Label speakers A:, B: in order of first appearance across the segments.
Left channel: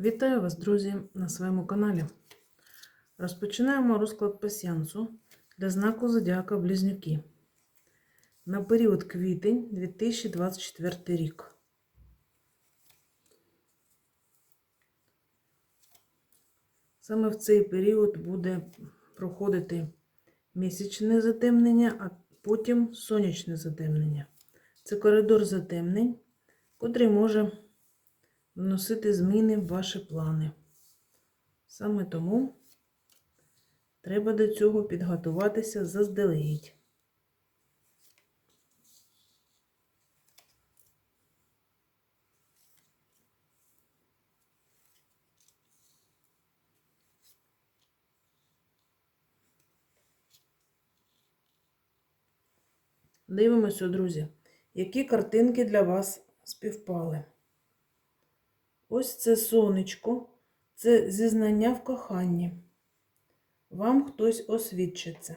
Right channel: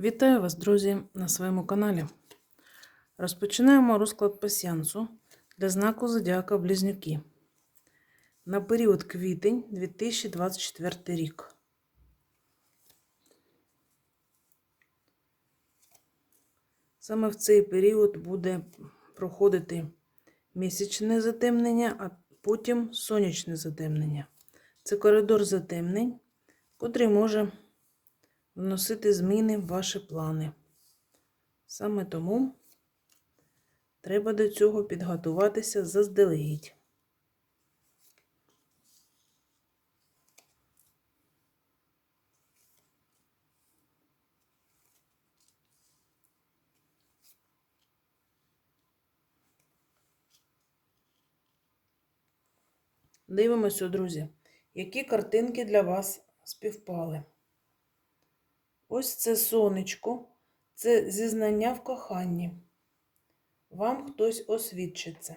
A: Вітаю вас, друзі, на своєму каналі. Розпочинаємо розклад пасіянсу для знаку Зодіака Близнюки на період квітень 2024 рік. Саме в цей період буде проходити місячне затемнення, а потім сонячне затемнення. Це коридор затемнень, котрий може вносити зміни в ваші плани. Саме тому треба до цього підготуватися заздалегідь. Дивимося, друзі, які картинки для вас співпали. Ось це сонечко, це зізнання в коханні. Вам хтось освідчиться.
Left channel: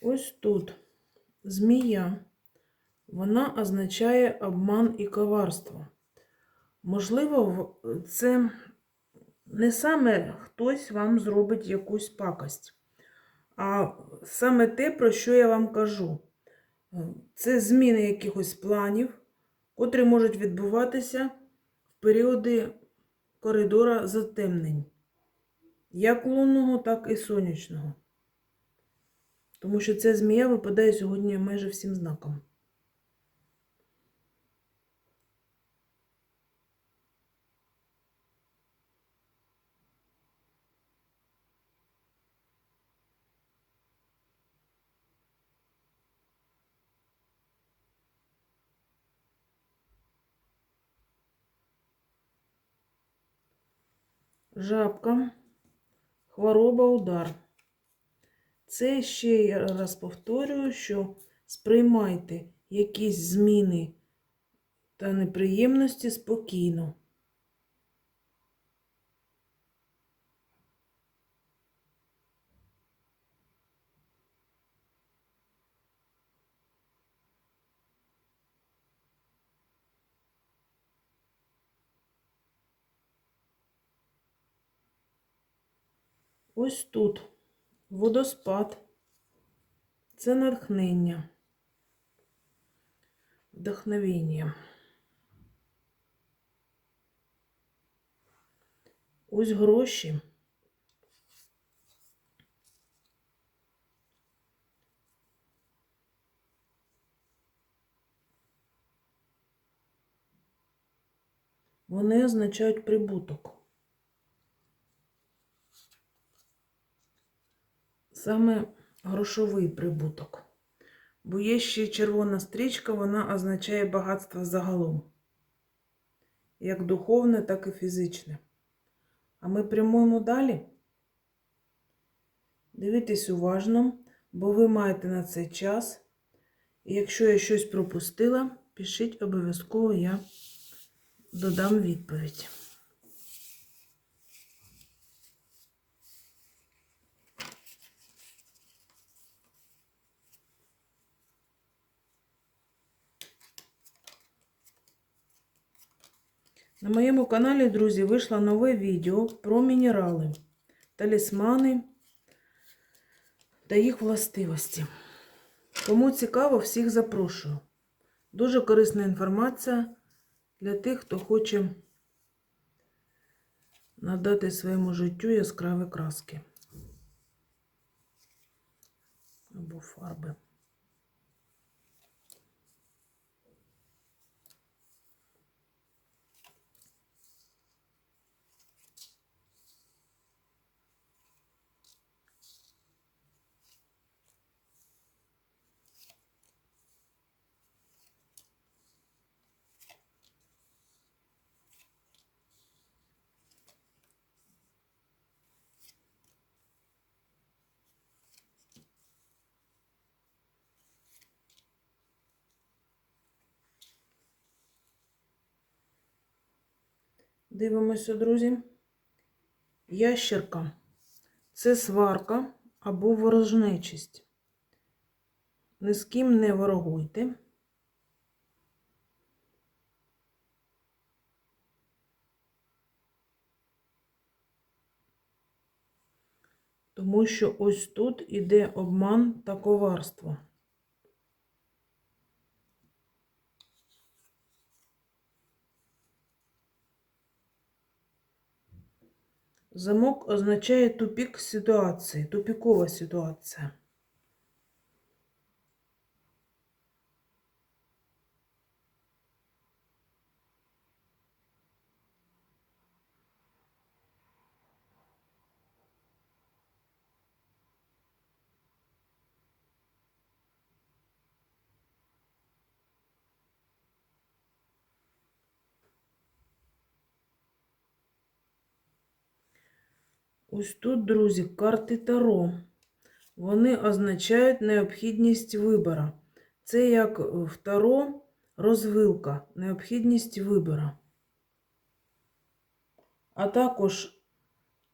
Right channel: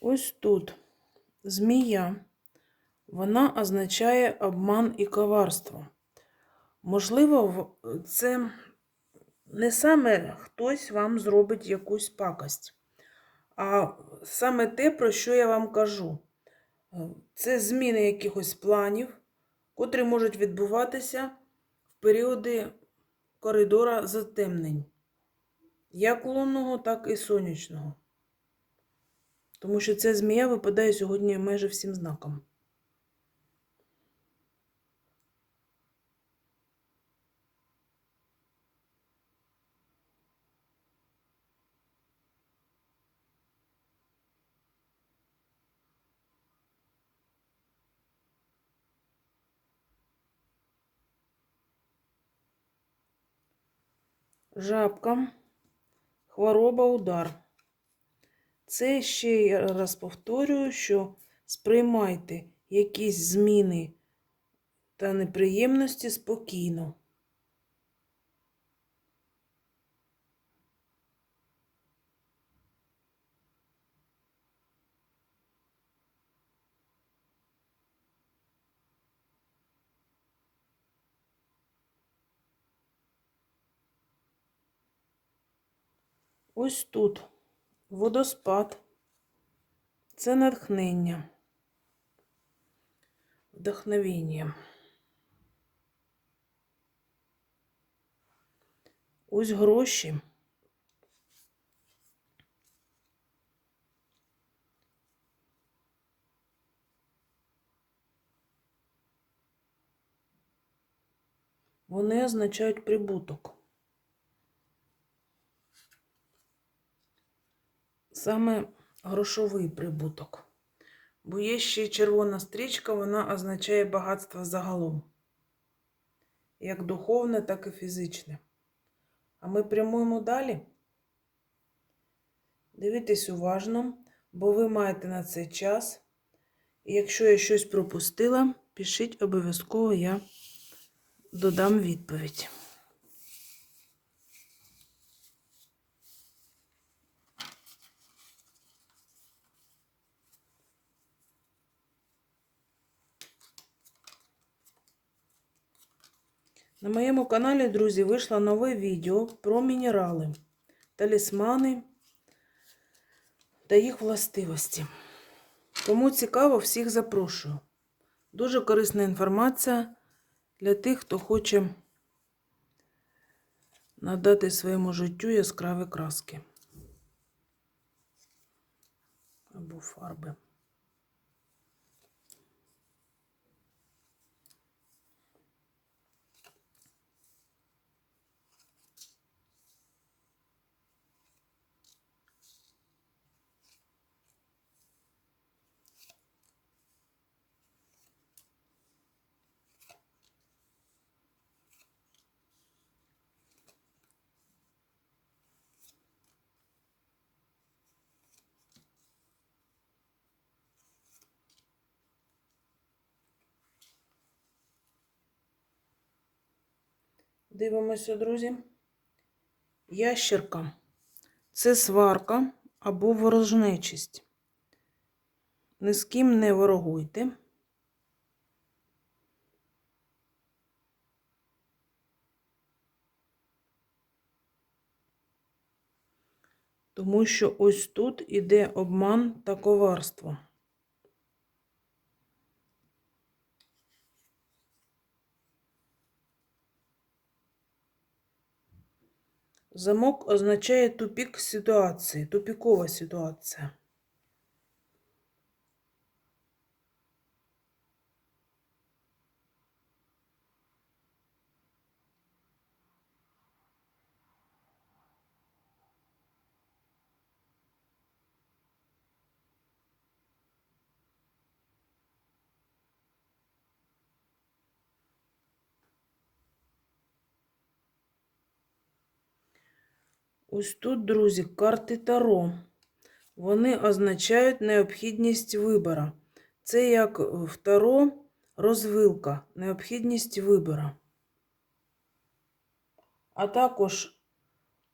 A: Ось тут змія, вона означає обман і коварство. Можливо, це не саме хтось вам зробить якусь пакость, а саме те, про що я вам кажу. Це зміни якихось планів, котрі можуть відбуватися в періоди коридора затемнень, як лунного, так і сонячного. Тому що ця змія випадає сьогодні майже всім знаком. Жабка, хвороба, удар. Це ще я раз повторюю, що сприймайте якісь зміни та неприємності спокійно. Ось тут водоспад. Це натхнення, вдохновення. Ось гроші. Вони означають прибуток. Саме грошовий прибуток. Бо є ще червона стрічка, вона означає багатство загалом. Як духовне, так і фізичне. А ми прямуємо далі. Дивіться уважно, бо ви маєте на це час. І якщо я щось пропустила, пишіть обов'язково, я додам відповідь. На моєму каналі, друзі, вийшло нове відео про мінерали, талісмани та їх властивості. Кому цікаво, всіх запрошую. Дуже корисна інформація для тих, хто хоче надати своєму життю яскраві краски або фарби. Дивимося, друзі. Ящерка це сварка або ворожнечість. Ні з ким не ворогуйте. Тому що ось тут іде обман та коварство. Замок означає тупік ситуації, тупікова ситуація. Ось тут, друзі, карти Таро. Вони означають необхідність вибору. Це як в Таро розвилка, необхідність вибору. А також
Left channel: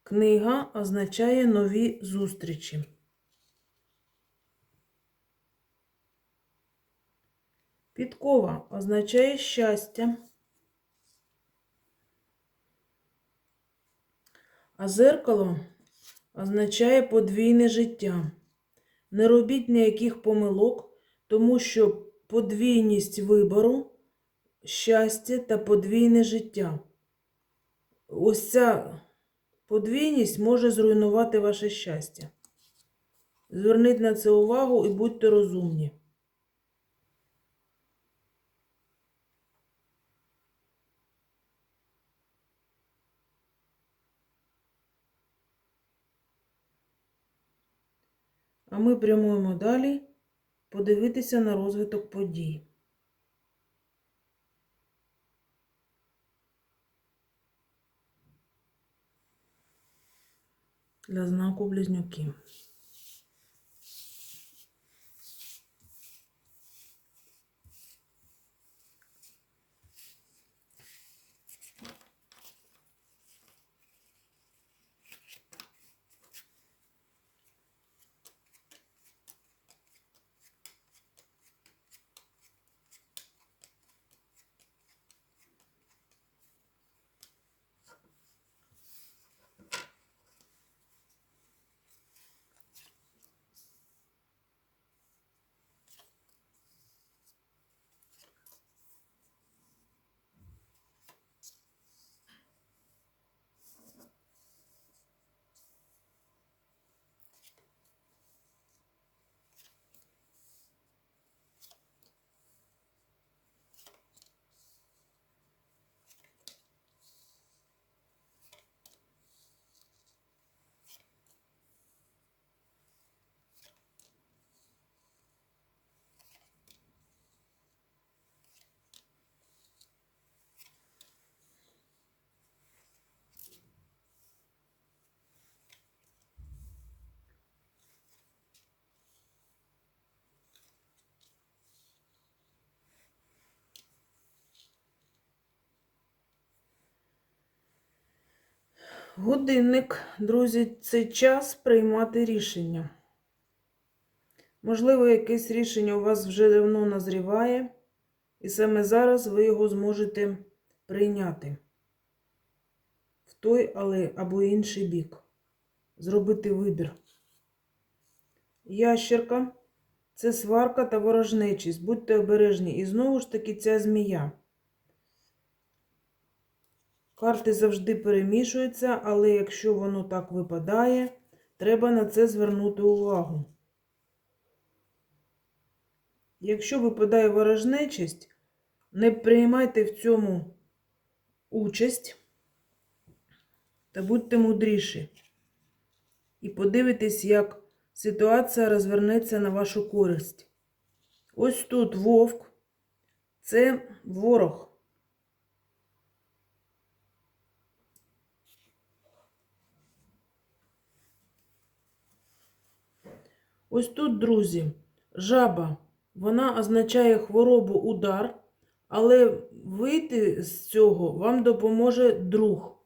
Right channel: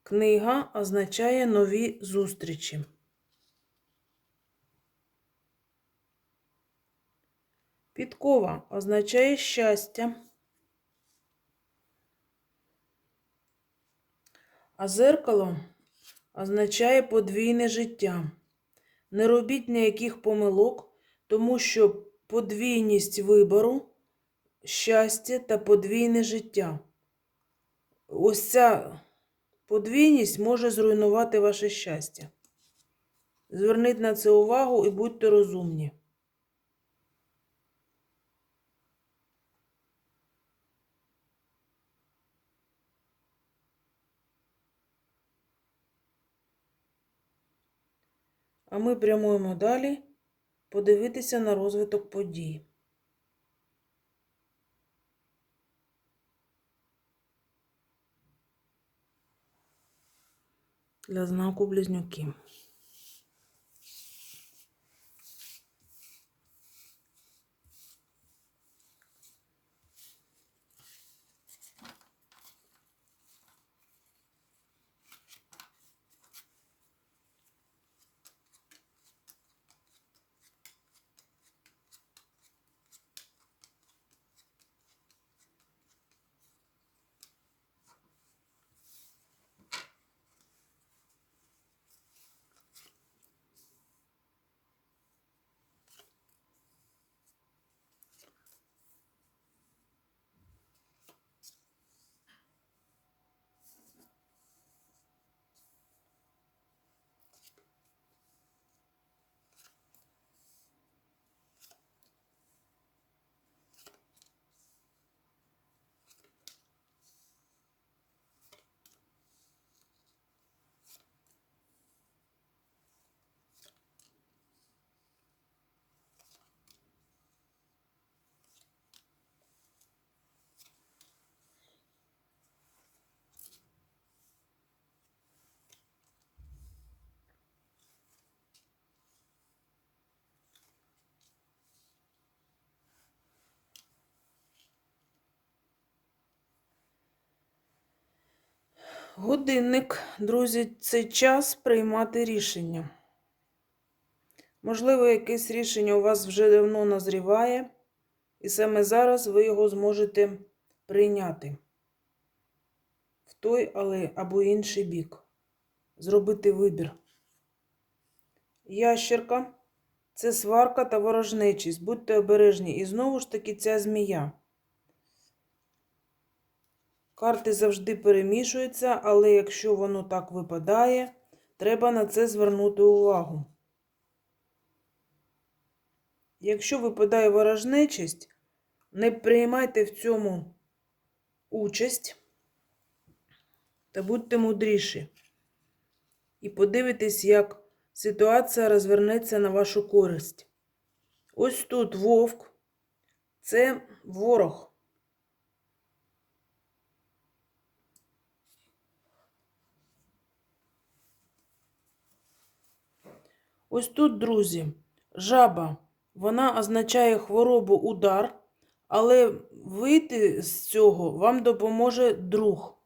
A: книга означає нові зустрічі. Підкова означає щастя. А зеркало означає подвійне життя. Не робіть ніяких помилок, тому що подвійність вибору, щастя та подвійне життя. Ось ця подвійність може зруйнувати ваше щастя. Зверніть на це увагу і будьте розумні. А ми прямуємо далі подивитися на розвиток подій. Для знаку близнюки. Годинник, друзі, це час приймати рішення. Можливо, якесь рішення у вас вже давно назріває, і саме зараз ви його зможете прийняти в той але або інший бік. Зробити вибір. Ящерка це сварка та ворожнечість. Будьте обережні. І знову ж таки ця змія. Карти завжди перемішуються, але якщо воно так випадає, треба на це звернути увагу. Якщо випадає ворожнечість, не приймайте в цьому участь та будьте мудріші. І подивитесь, як ситуація розвернеться на вашу користь. Ось тут вовк це ворог. Ось тут, друзі, жаба, вона означає хворобу удар але вийти з цього вам допоможе друг.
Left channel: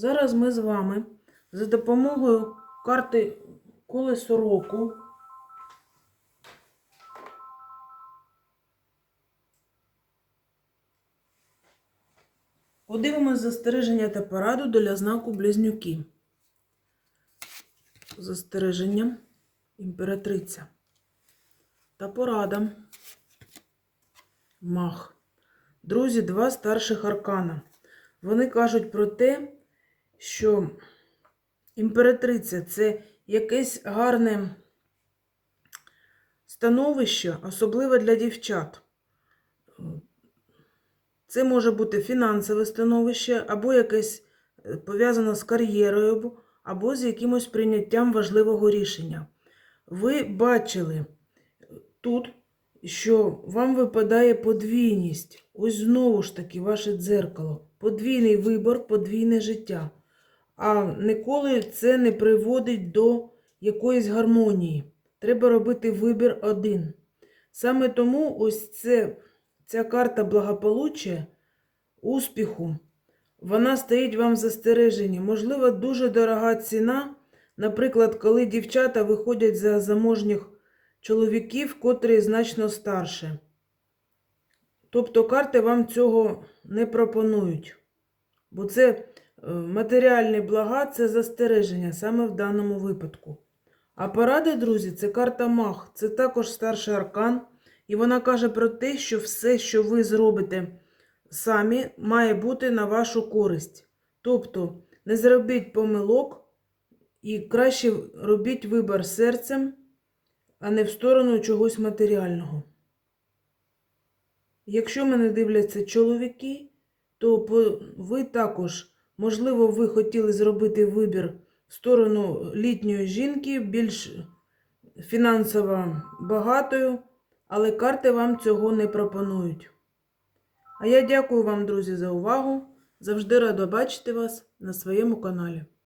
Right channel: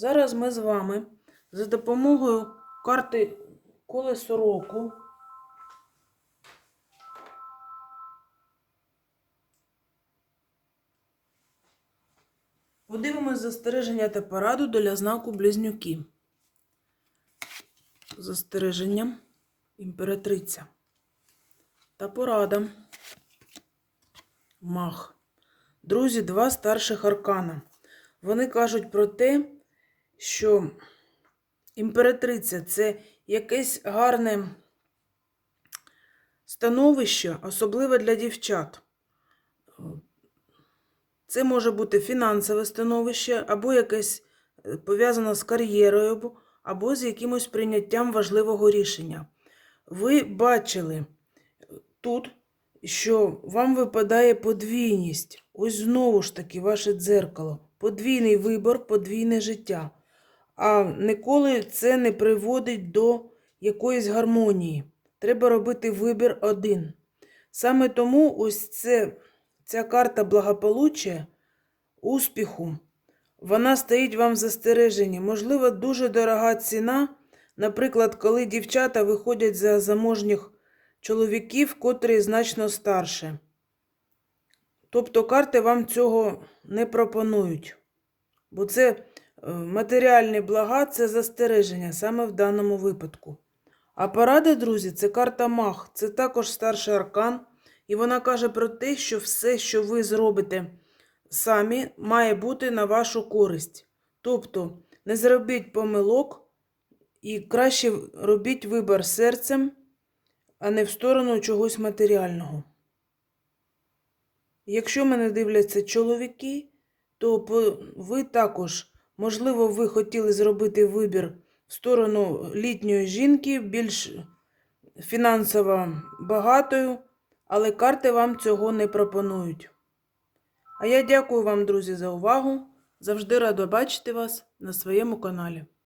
A: Зараз ми з вами за допомогою карти колесо року подивимось застереження та пораду для знаку близнюки. Застереження імператриця та порада мах. Друзі, два старших аркана. Вони кажуть про те, що імператриця це якесь гарне становище, особливо для дівчат. Це може бути фінансове становище, або якесь е, пов'язане з кар'єрою, або з якимось прийняттям важливого рішення. Ви бачили тут, що вам випадає подвійність. Ось знову ж таки ваше дзеркало. Подвійний вибор, подвійне життя. А ніколи це не приводить до якоїсь гармонії. Треба робити вибір один. Саме тому ось це, ця карта благополуччя, успіху, вона стоїть вам в застереженні. Можливо, дуже дорога ціна, наприклад, коли дівчата виходять за заможніх чоловіків, котрі значно старше. Тобто карти вам цього не пропонують. Бо це матеріальні блага, це застереження саме в даному випадку. А порада, друзі, це карта Мах, це також старший аркан. І вона каже про те, що все, що ви зробите самі, має бути на вашу користь. Тобто не зробіть помилок і краще робіть вибір серцем, а не в сторону чогось матеріального. Якщо мене дивляться чоловіки, то ви також, можливо, ви хотіли зробити вибір в сторону літньої жінки, більш фінансово багатою, але карти вам цього не пропонують. А я дякую вам, друзі, за увагу. Завжди рада бачити вас на своєму каналі.